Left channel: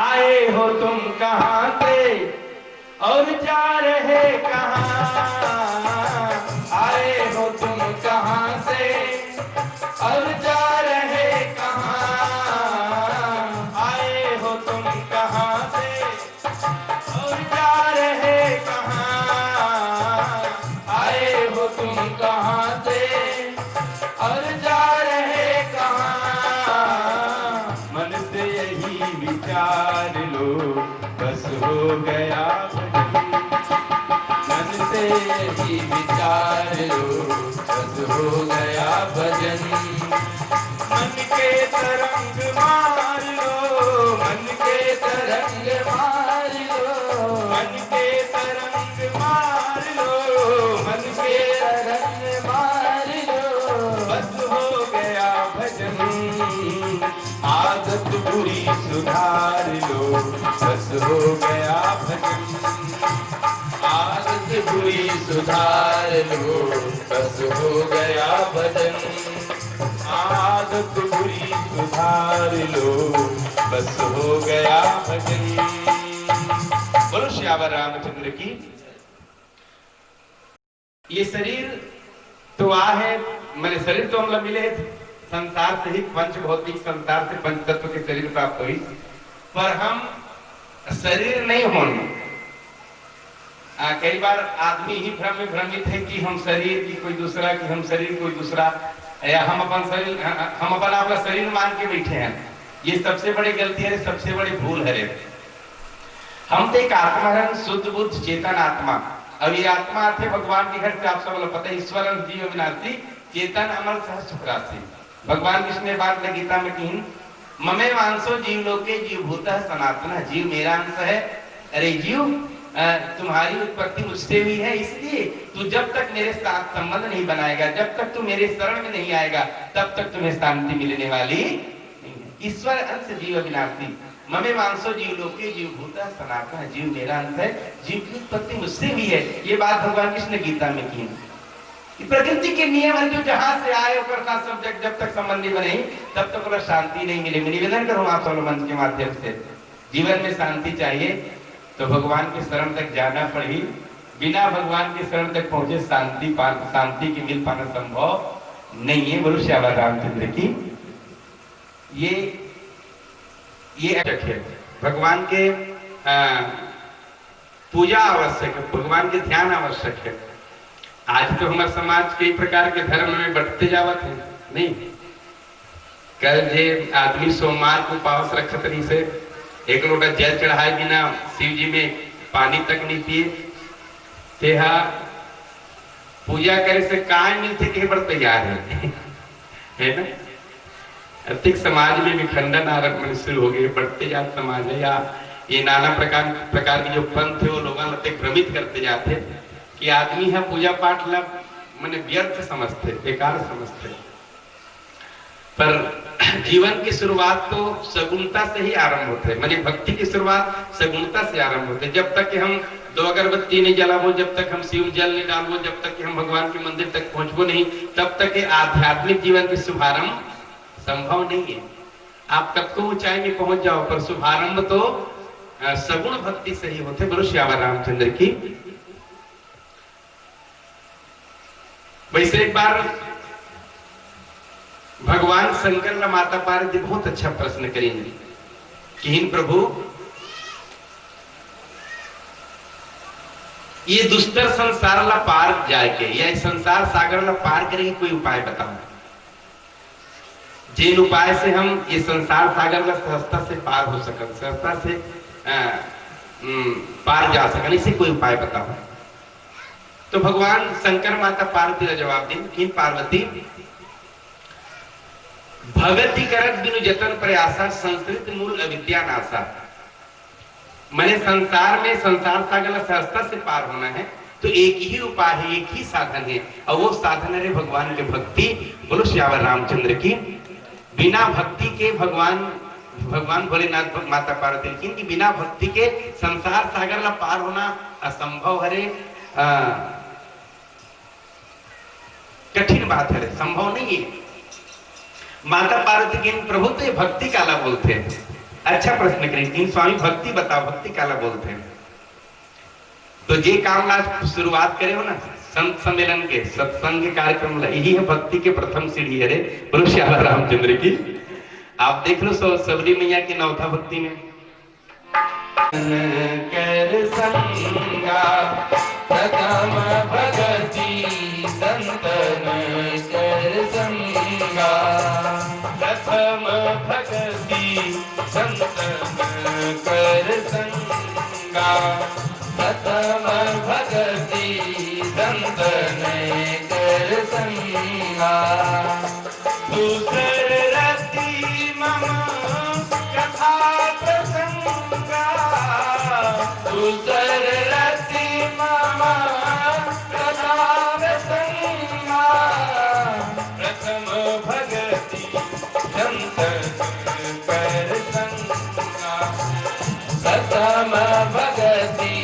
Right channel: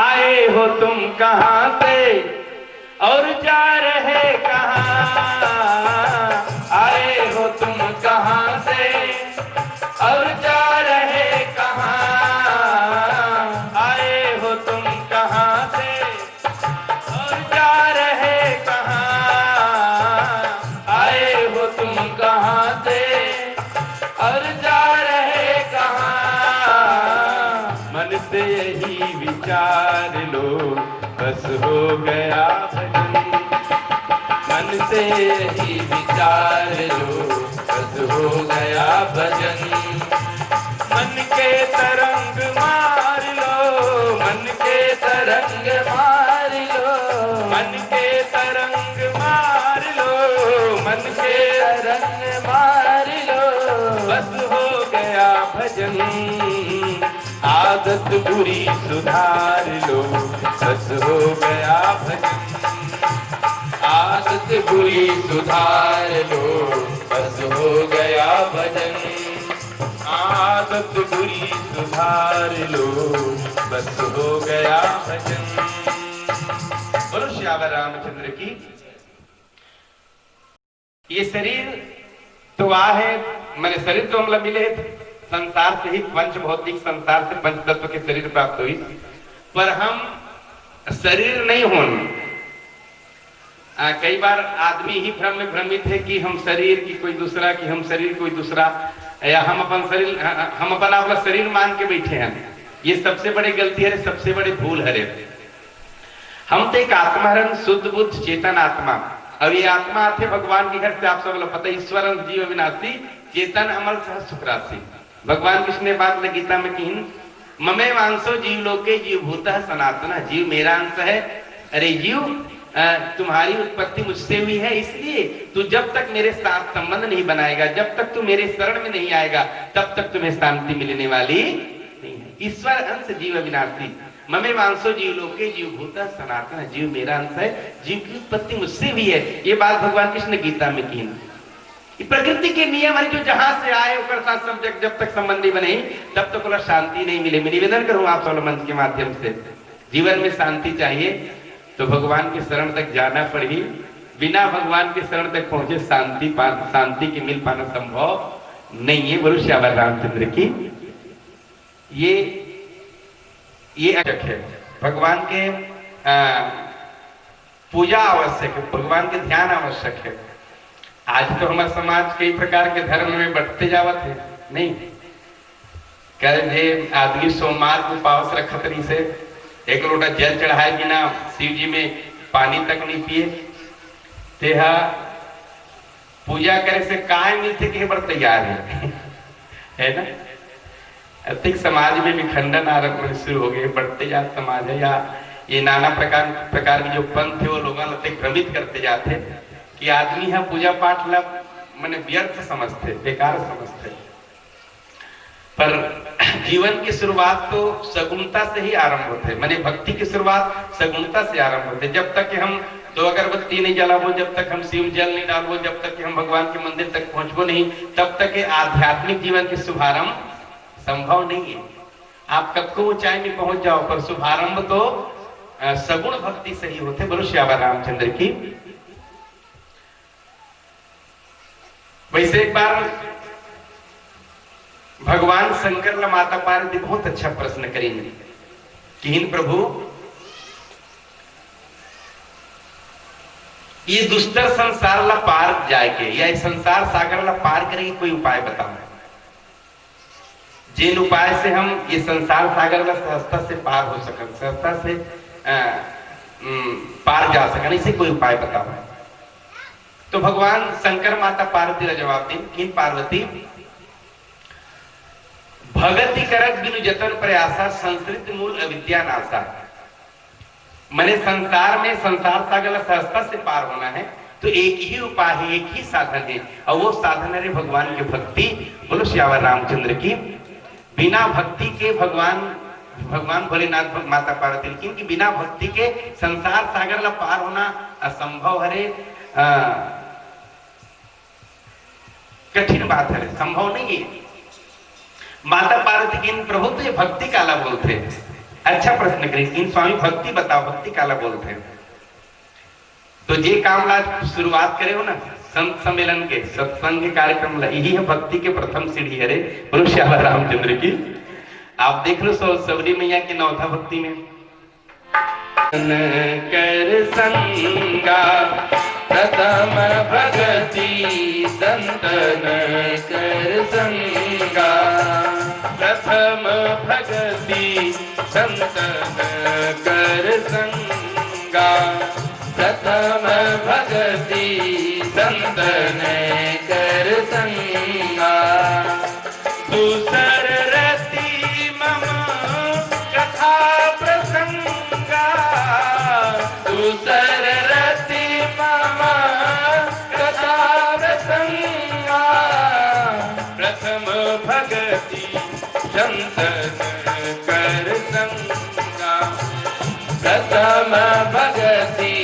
आए हो तुम कहाँ से और जा रहे कहाँ, आए हो तुम कहाँ से और जा रहे कहाँ, आए हो तुम कहाँ से और जा रहे कहाँ, आए हो तुम कहाँ से और जा रहे कहाँ। मन से यही विचार लो बस हो गया भजन, मन से यही विचार लो बस हो गया भजन। मन के तरंग मार लो, मन के तरंग मार लो, मन के तरंग मार लो, मन के तरंग मार लो, बस हो गया भजन। आदत बुरी सुधार लो बस हो गया भजन, आदत बुरी सुधार लो बस हो गया भजन, आदत बुरी सुधार लो बस हो गया भजन। बोलो श्यावर रामचंद्र की। ये शरीर तो है, मैंने शरीर तो हम मिले संसार से ही, पंच भौतिक संसार से पंच तत्व के शरीर प्राप्त हुई, पर हम शरीर नहीं होने। कई बार आदमी ही भ्रम में भ्रमित है कि हम शरीर की कोई दूसरा, कि हम शरीर कोई दूसरा, या हम अपन शरीर, हम अपन आपका शरीर मान के बैठे हैं। ये सबसे बड़ी गलती है, सबसे बड़ी भूल है। हम तो एक आत्मा, शुद्ध बुद्ध चेतन आत्मा। अब ये आत्मा आते भगवान के घर से, आप सब पता है, ईश्वर जीव अविनाशी चेतन अमर सह सुखराशि। भगवान कृष्ण ने बात गीता में कही, ममे वांसो जीव लोके जीव भूतः सनातन, जीव मेरा अंश है। अरे जीव, तुम्हारी उत्पत्ति मुझसे हुई है, इसलिए तू जब तक मेरे साथ संबंध नहीं बनाएगा, जब तक तू मेरे शरण में नहीं आएगा, तब तक तुम्हें शांति मिलने वाली नहीं है। ईश्वर अंश जीव अविनाशी, ममे वांसो जीव लोके जीव भूतः सनातन, जीव मेरा अंश है, जीव की उत्पत्ति मुझसे हुई है। ये बात भगवान कृष्ण ने गीता में की। प्रकृति के नियम है, जो जहां से आए उसके साथ जब तक संबंध नहीं बने तब तक पूरा शांति नहीं मिले। मैं निवेदन करूं आप सब मंच के माध्यम से, जीवन में शांति चाहिए तो भगवान के शरण तक जाना पड़ी। बिना भगवान के शरण तक पहुंचे शांति के मिल पाना संभव नहीं है। बोलो श्यावर रामचंद्र की। ये आवश्यक है, भगवान के पूजा आवश्यक है, भगवान के ध्यान आवश्यक है। आज तो हमारे समाज कई प्रकार के धर्म में बढ़ते जावत है। नहीं, कल आदमी सोमवार को पावस रखत नहीं से एक लोटा जल चढ़ाए बिना शिव जी में पानी तक नहीं पिए, तेहा पूजा करे से काय मिलते के पर तैयार है ना। अधिक समाज में विखंडन आरंभ शुरू हो गए, बढ़ते जाते समाज है, या ये नाना प्रकार की जो पंथ है वो लोगों को भ्रमित करते जाते कि आदमी है पूजा पाठ ला मैंने व्यर्थ समझते, बेकार समझते। पर जीवन की शुरुआत तो सगुणता से ही आरंभ होते, माने भक्ति की शुरुआत सगुणता से आरंभ होते। जब तक कि हम दो अगरबत्ती नहीं जलाबो, जब तक हम शिव जल नहीं डालबो, जब तक कि हम भगवान के मंदिर तक पहुंचबो नहीं, तब तक के आध्यात्मिक जीवन की शुभारंभ संभव नहीं है। आप कब को ऊंचाई में पहुंच जाओ, पर शुभारंभ तो सगुण भक्ति से ही होते। बोलो श्यावर रामचंद्र की। वैसे एक बार भगवान शंकर ने माता पार्वती बहुत अच्छा प्रश्न करेंगे कि हिन प्रभु, ये दुष्टर संसार ला पार जाके, या संसार सागर ला पार करे कोई उपाय बताओ, जिन उपाय से हम ये संसार सागर ला सहजता से पार हो सकते, सहजता से पार जा सकते, इसे कोई उपाय बताओ। तो भगवान शंकर माता पार्वती का जवाब दें कि पार्वती, भगति करत बिनु जतन प्रयासा, संस्कृत मूल अविद्या नासा। मैंने संसार में संसार सागर सहजता से पार होना है तो एक ही उपाय है, एक ही साधन है, और वो साधन है भगवान की भक्ति। बोलो श्यावर रामचंद्र की। बिना भक्ति के भगवान भोलेनाथ माता पार्वती की बिना भक्ति के संसार सागर ला पार होना असंभव है, कठिन बात है, संभव नहीं है। माता पार्वती की प्रभु तो ये भक्ति काला बोलते हैं, अच्छा प्रश्न करें, इन स्वामी भक्ति बताओ, भक्ति काला बोलते हैं। तो जे काम आज शुरुआत करे हो ना संत सम्मेलन के सत्संग के कार्यक्रम, यही है भक्ति के प्रथम सीढ़ी। अरे बोलो श्यामा रामचंद्र की। आप देख लो सबरी मैया की नौथा भक्ति में कर संगा प्रथम भगति संतन कर संगा, प्रथम भगति संतन कर संगा, प्रथम भगति संतन कर संगा, दूसर रति मम कथा प्रसंगा, दूसर रति मम कथा प्रसंगा, प्रथम भगति संतन कर संगा, प्रथम भगति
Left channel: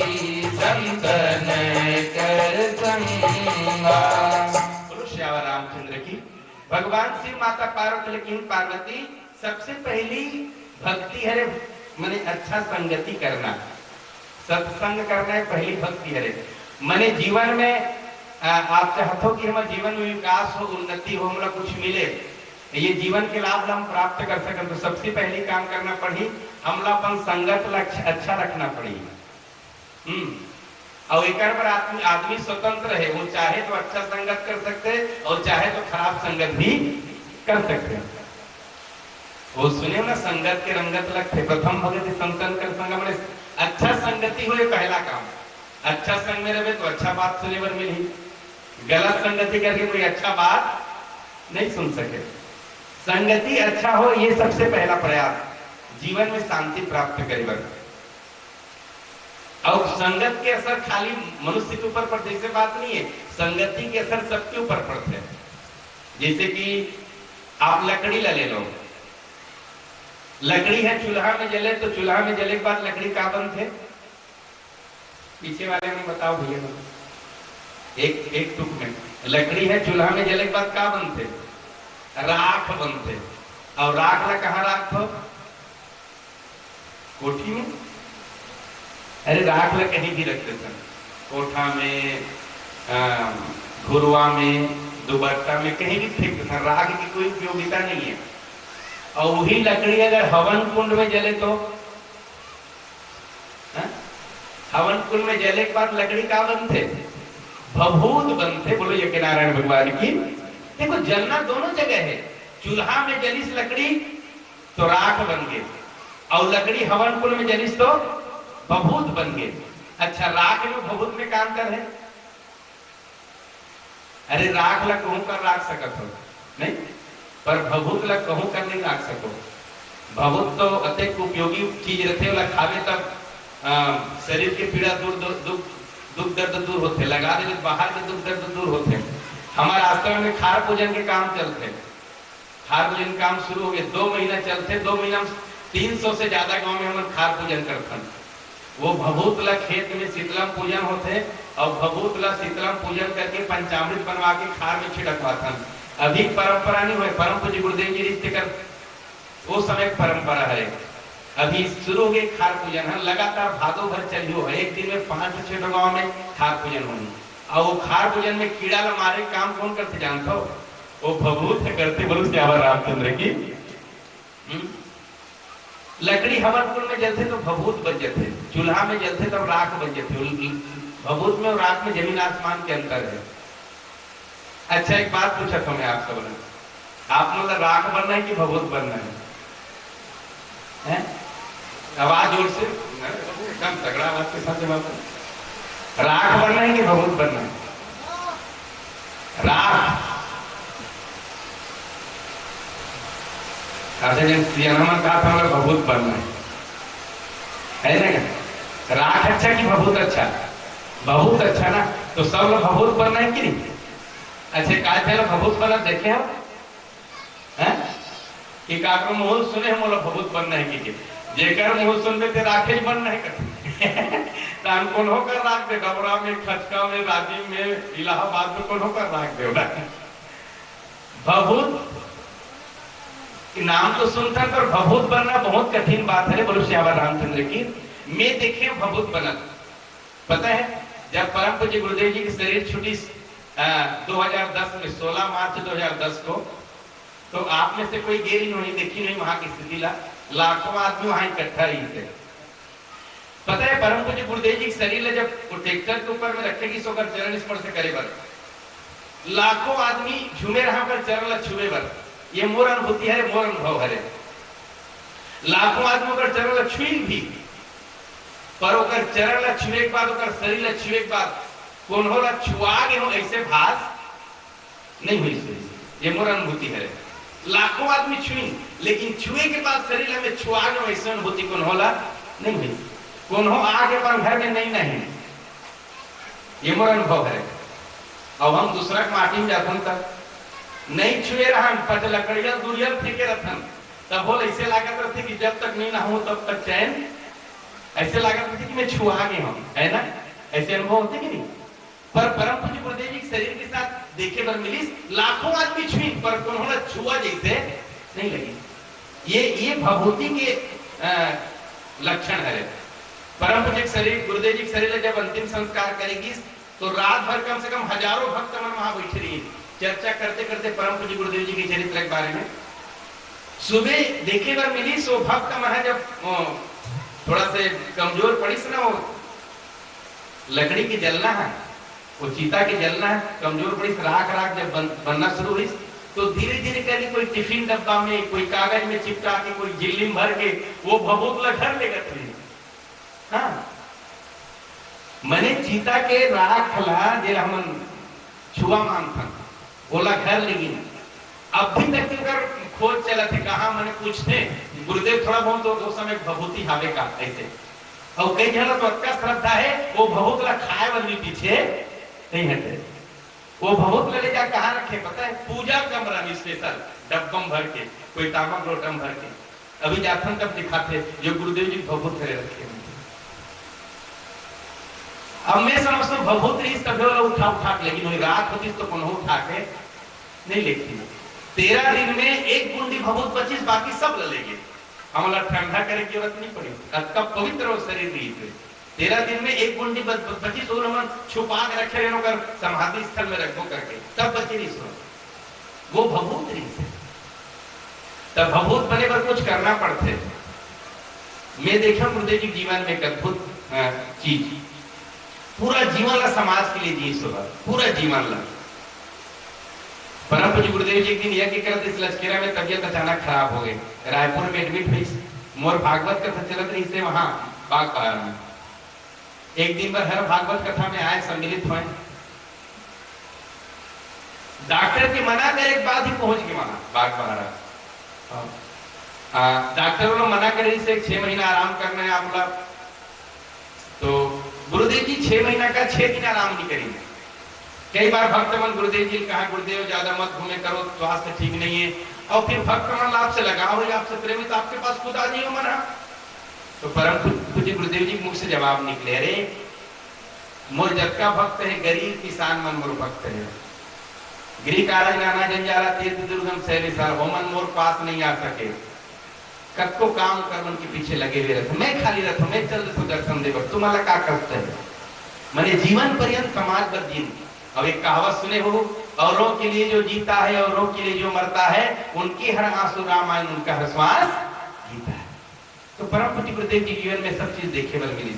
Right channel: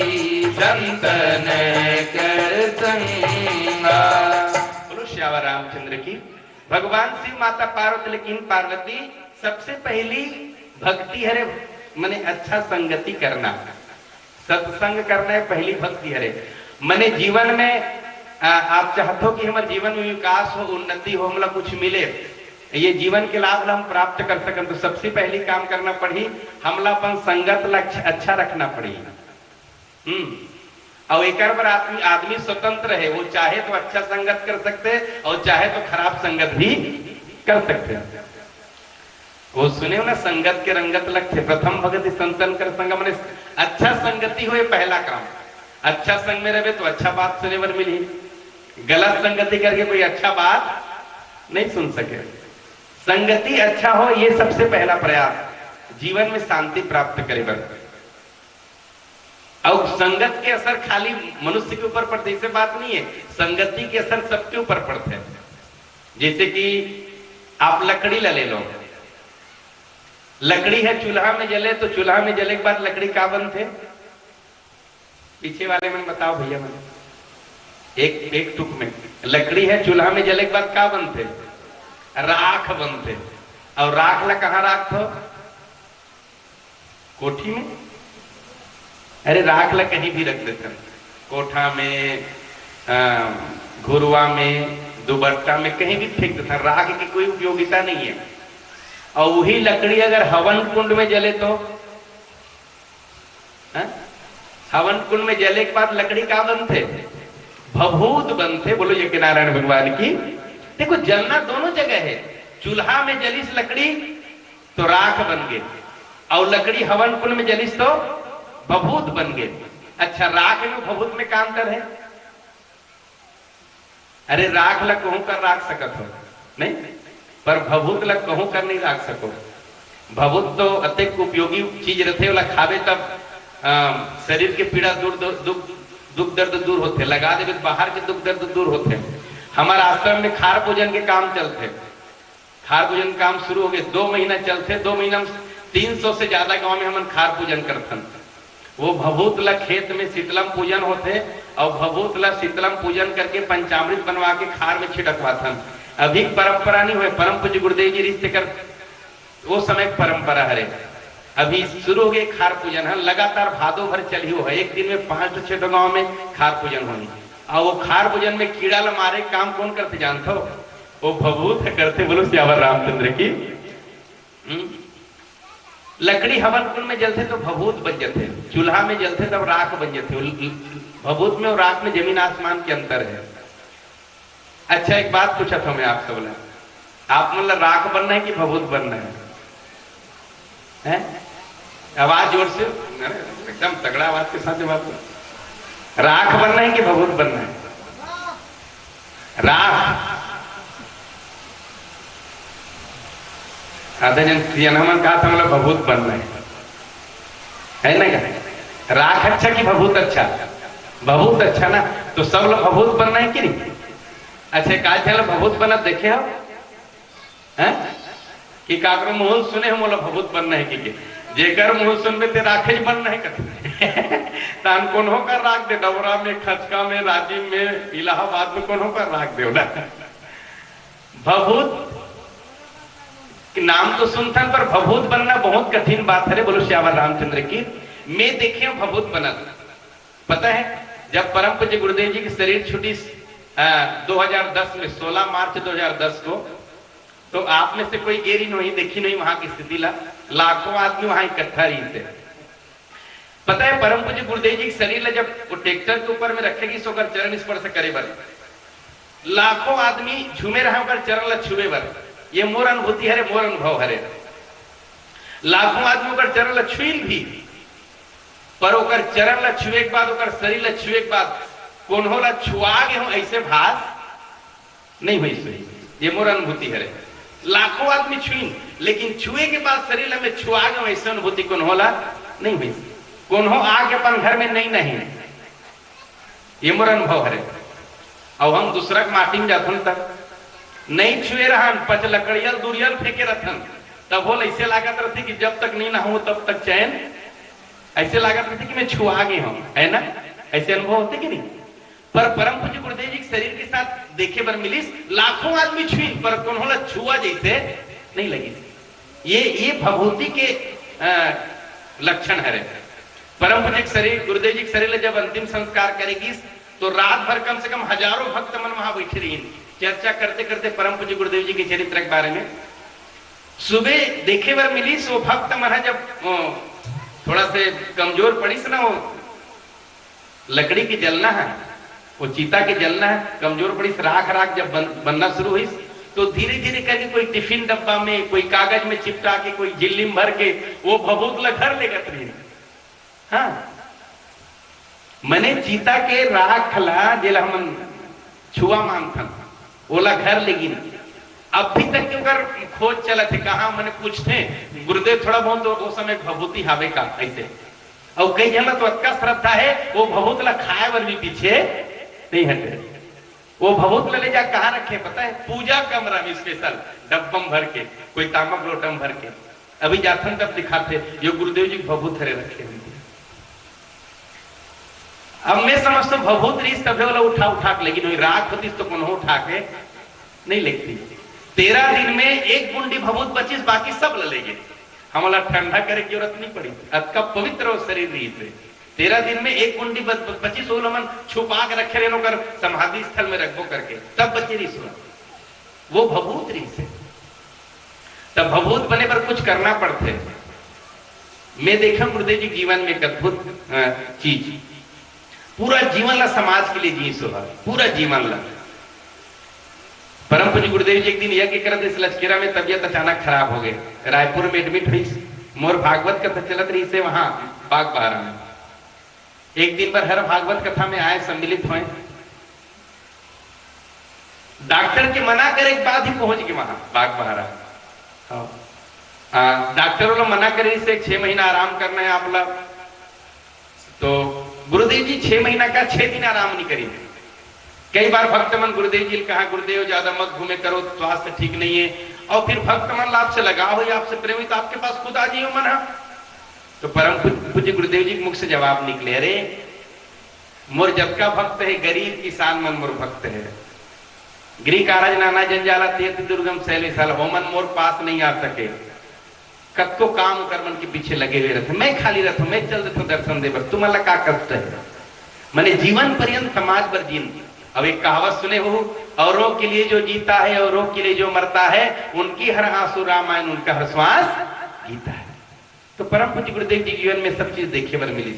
संतन कर संगा। बोलो श्यामा रामचंद्र की। भगवान शिव माता पार्वती, लेकिन पार्वती सबसे पहली भक्ति है मने अच्छा संगति करना, सत्संग करना है पहली भक्ति है। मने जीवन में आप चाहते हो कि हमारे जीवन में विकास हो, उन्नति हो, मतलब कुछ मिले, ये जीवन के लाभ हम प्राप्त कर सकें, तो सबसे पहली काम करना पड़ी हमला अपन संगत लक्ष्य अच्छा रखना पड़ी। और एक बार आदमी स्वतंत्र है, वो चाहे तो अच्छा संगत कर सकते हैं और चाहे तो खराब संगत भी कर सकते हैं। वो सुने हो ना, संगत के रंगत लगते, प्रथम भगति संतन कर संग, मैंने अच्छा संगति हो ये पहला काम। अच्छा संग में रहे तो अच्छा बात सुने पर मिली, गलत संगति करके कोई अच्छा बात नहीं सुन सके। संगति अच्छा हो ये सबसे पहला प्रयास, जीवन में शांति प्राप्त करेगा। और संगत के असर खाली मनुष्य के ऊपर पड़ते ऐसे बात नहीं है, संगति के असर सबके ऊपर पड़ते हैं। जैसे कि आप लकड़ी ले लो, लकड़ी है चूल्हा में जले, तो चूल्हा में जले के बाद लकड़ी का बनते, पीछे वाले में बताओ भैया, एक टुक में लकड़ी है चूल्हा में जले के बाद क्या बनते, राख बनते। और राख ला कहाँ राख हो, कोठी में। अरे राख ला कहीं भी रख देते, कोठा में, घुरवा में, दुबट्टा में, कहीं भी फेंक देते। राख की कोई उपयोगिता नहीं है। और वही लकड़ी अगर हवन कुंड में जले तो हवन कुंड में जले के बाद लकड़ी का बनते, भभूत बनते। बोलो ये नारायण भगवान की। देखो जलना दोनों जगह है, चूल्हा में जलिस लकड़ी तो राख बन गए, और लकड़ी हवन कुंड में जलिस तो भभूत बन गए। अच्छा राख में भभूत में का अंतर है? अरे राख ला कहूं कर राख सकत हो नहीं, पर भभूत ला कहूं कर नहीं राख सको। भभूत तो अत्यंत उपयोगी चीज रहते, वाला खावे तब शरीर के पीड़ा दुख दर्द दूर होते, लगा दे बाहर के दुख दर्द दूर होते। हमारे आश्रम में खार पूजन के काम चलते, खार पूजन काम शुरू हो गए, 2 महीना चलते। 2 महीना 300 से ज्यादा गांव में हम खार पूजन करते। वो भभूत ला खेत में शीतलम पूजन होते, और भभूत ला शीतलम पूजन करके पंचामृत बनवा के खार में छिड़कवाते। अभी परंपरा नहीं हुए, परम पूज्य गुरुदेव जी रिश्ते कर वो समय परंपरा है। अभी शुरू हो गई खार पूजन है, लगातार भादो भर चली हो, एक दिन में 5 से 6 गांव में खार पूजन होनी। और वो खार पूजन में कीड़ा ला मारे काम कौन करते जानते हो? वो भभूत करते। बोलो श्यामा रामचंद्र की। लकड़ी हवन कुंड में जलते तो भभूत बन जाते, चूल्हा में जलते तब राख बन जाते। भभूत में और राख में जमीन आसमान के अंतर है। अच्छा एक बात पूछा था मैं आपसे, बोला आप मतलब राख बनना है कि भभूत बनना है? आवाज जोर से, एकदम तगड़ा आवाज के साथ जवाब दो। राख बनना है कि भभूत बनना है? राख जन कहा था मतलब भभूत बनना है ना? क्या राख अच्छा कि भभूत अच्छा? भभूत अच्छा ना, तो सब लोग भभूत बनना है कि नहीं? अच्छा का थे भभूत बना देखे हो कि काकर मुंह सुने हम बोला भभूत बनना है कि जेकर मुंह सुनबे ते राखे बनना है कर तान कौन होकर राख दे, डबरा में, खचका में, राजीव में, इलाहाबाद में कौन होकर राख दे ना। भभूत कि नाम तो सुनता पर भभूत बनना बहुत कठिन बात है। बोलो श्यावर रामचंद्र की। मैं देखे भभूत बना, पता है जब परम पूज्य गुरुदेव जी की शरीर छुट्टी 2010 में 16 मार्च 2010 को, तो आप में से कोई गेरी नहीं देखी नहीं वहां की स्थिति लाखों आदमी वहां इकट्ठा रही थे। पता है परम पूज्य गुरुदेव जी की शरीर जब वो ट्रैक्टर के ऊपर में रखेगी सो कर चरण स्पर्श करे बर लाखों आदमी झूमे रहा पर चरण ला छुए बर, ये मोर अनुभूति है, मोर अनुभव है। लाखों आदमी कर चरण ला छुई भी, पर ओकर चरण ला छुए के बाद ओकर शरीर ला छुए के बाद कौन होला छुआ गे हो ऐसे भास नहीं हुई सही, ये मोर अनुभूति है। लाखों आदमी छुई लेकिन छुए के बाद शरीर में छुआ गए ऐसे अनुभूति कौन होला नहीं हुई। कौन हो आके अपन घर में नहीं, ये मोर अनुभव है। अब हम दूसरा माटी में जाथन तक नहीं छुए रहन, पच लकड़ियल दूरियल फेंके रहन, तब बोल ऐसे लागत रहती कि जब तक नहीं नहाऊं तब तक चैन, ऐसे लागत रहती कि मैं छुआ गई हूं, है ना? ऐसे अनुभव होते कि नहीं? पर परम पूज्य गुरुदेव जी के शरीर के साथ देखे बर मिली लाखों आदमी छुई पर कौन होला छुआ जैसे नहीं लगी। ये भभूति के लक्षण है। परम पूज्य शरीर गुरुदेव जी के शरीर जब अंतिम संस्कार करेगी तो रात भर कम से कम हजारों भक्त मन वहां बैठे रही चर्चा करते करते परम पूज्य गुरुदेव जी के चरित्र के बारे में। सुबह देखे बर मिली सो भक्त मन जब थोड़ा से कमजोर पड़ी से ना, वो लकड़ी की जलना है, वो चीता के जलना है, कमजोर पड़ी से राख जब बनना शुरू हुई तो धीरे धीरे करके कोई टिफिन डब्बा में कोई कागज में चिपटा के कोई झिल्ली में भर के वो भभूत ला घर ले गए। हाँ मने चीता के राख ला जेला हम छुआ मांगथन ओला घर लेगिन। अभी तक के खोज चला थे कहा मैंने पूछते गुरुदेव थोड़ा बहुत तो वो समय भभूति हावे का ऐसे, और कई जन तो अतका श्रद्धा है वो भभूत ला खाए वर भी पीछे नहीं हटे। वो भभूत ले जा कहाँ रखे पता है? पूजा कमरा में स्पेशल डब्बम भर के, कोई तामक लोटम भर के। अभी जाथन तब दिखाते जो गुरुदेव जी भभूत हरे रखे हुए। अब मैं समझता हूँ भभूत रीस तभी वाला उठा के, लेकिन वही रात होती तो कौन उठा के नहीं लेती। 13 दिन में एक बूंदी भभूत 25 बाकी सब ले लेंगे, हमारा ठंडा करे की जरूरत नहीं पड़ी। अतका पवित्र शरीर रही थे। 13 दिन में एक बूंदी 25 मन छुपा के रखे रहे कर समाधि स्थल में रखो करके तब बचे रही सुन, वो भभूत रही से। तब भभूत बने पर कुछ करना पड़ते। मैं देखा गुरुदेव जी जीवन में एक अद्भुत चीज, पूरा जीवन ला समाज के लिए जी सुबह, पूरा जीवन ला। परम पूज्य गुरुदेव जी एक दिन यज्ञ करते इस लचकेरा में तबियत अचानक खराब हो गई, रायपुर में एडमिट हुई। मोर भागवत कथा चलत रही से वहां बाग बहारा में। एक दिन पर हर भागवत कथा में आए सम्मिलित हुए, डॉक्टर के मना करे के बाद ही पहुंच गए वहां बाग बहारा। डॉक्टर वालों मना करे से 6 महीना आराम करना है आप लोग, तो गुरुदेव जी 6 महीना का 6 दिन आराम नहीं करेंगे। कई बार भक्त मन गुरुदेव जी ने कहा गुरुदेव ज्यादा मत घूमे करो, स्वास्थ्य ठीक नहीं है। और फिर भक्त मन आपसे लगाव हो, आपसे प्रेमी, तो आपके पास खुद आ जाइए मना। तो परम पूज्य गुरुदेव जी मुख से जवाब निकले, अरे मोर जबका भक्त है गरीब किसान मन मोर भक्त है, गृह कारज नाना जंजाला तीर्थ दुर्गम शैलेशाला वो मन मोर पास नहीं आ सके। कतको काम कर्मन के पीछे लगे हुए रहते, मैं खाली रहता हूं, मैं चल देता हूं दर्शन दे, तुम्हारा क्या करता है? मैंने जीवन पर्यंत समाज पर जीन। अब एक कहावत सुने हो, औरों के लिए जो जीता है औरों के लिए जो मरता है, उनकी हर आंसू रामायण, उनका हर श्वास गीता है। तो परम पूज्य गुरुदेव जी जीवन में सब चीज देखे बर मिली।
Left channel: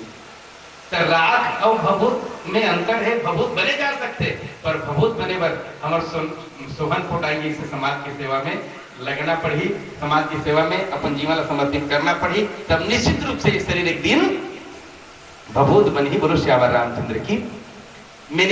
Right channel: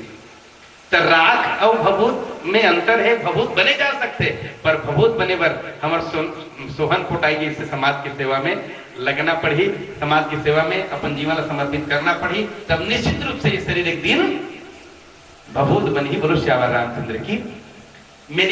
तो राख और भभूत में अंतर है। भभूत बने जा सकते पर भभूत बने बर हमारे सोहन फुटाई से समाज की सेवा में लगना पड़ी, समाज की सेवा में अपन जीवन समर्पित करना पड़ी, तब निश्चित रूप से ये शरीर एक दिन भभूत बन ही। बोलो श्यावर रामचंद्र की। मैं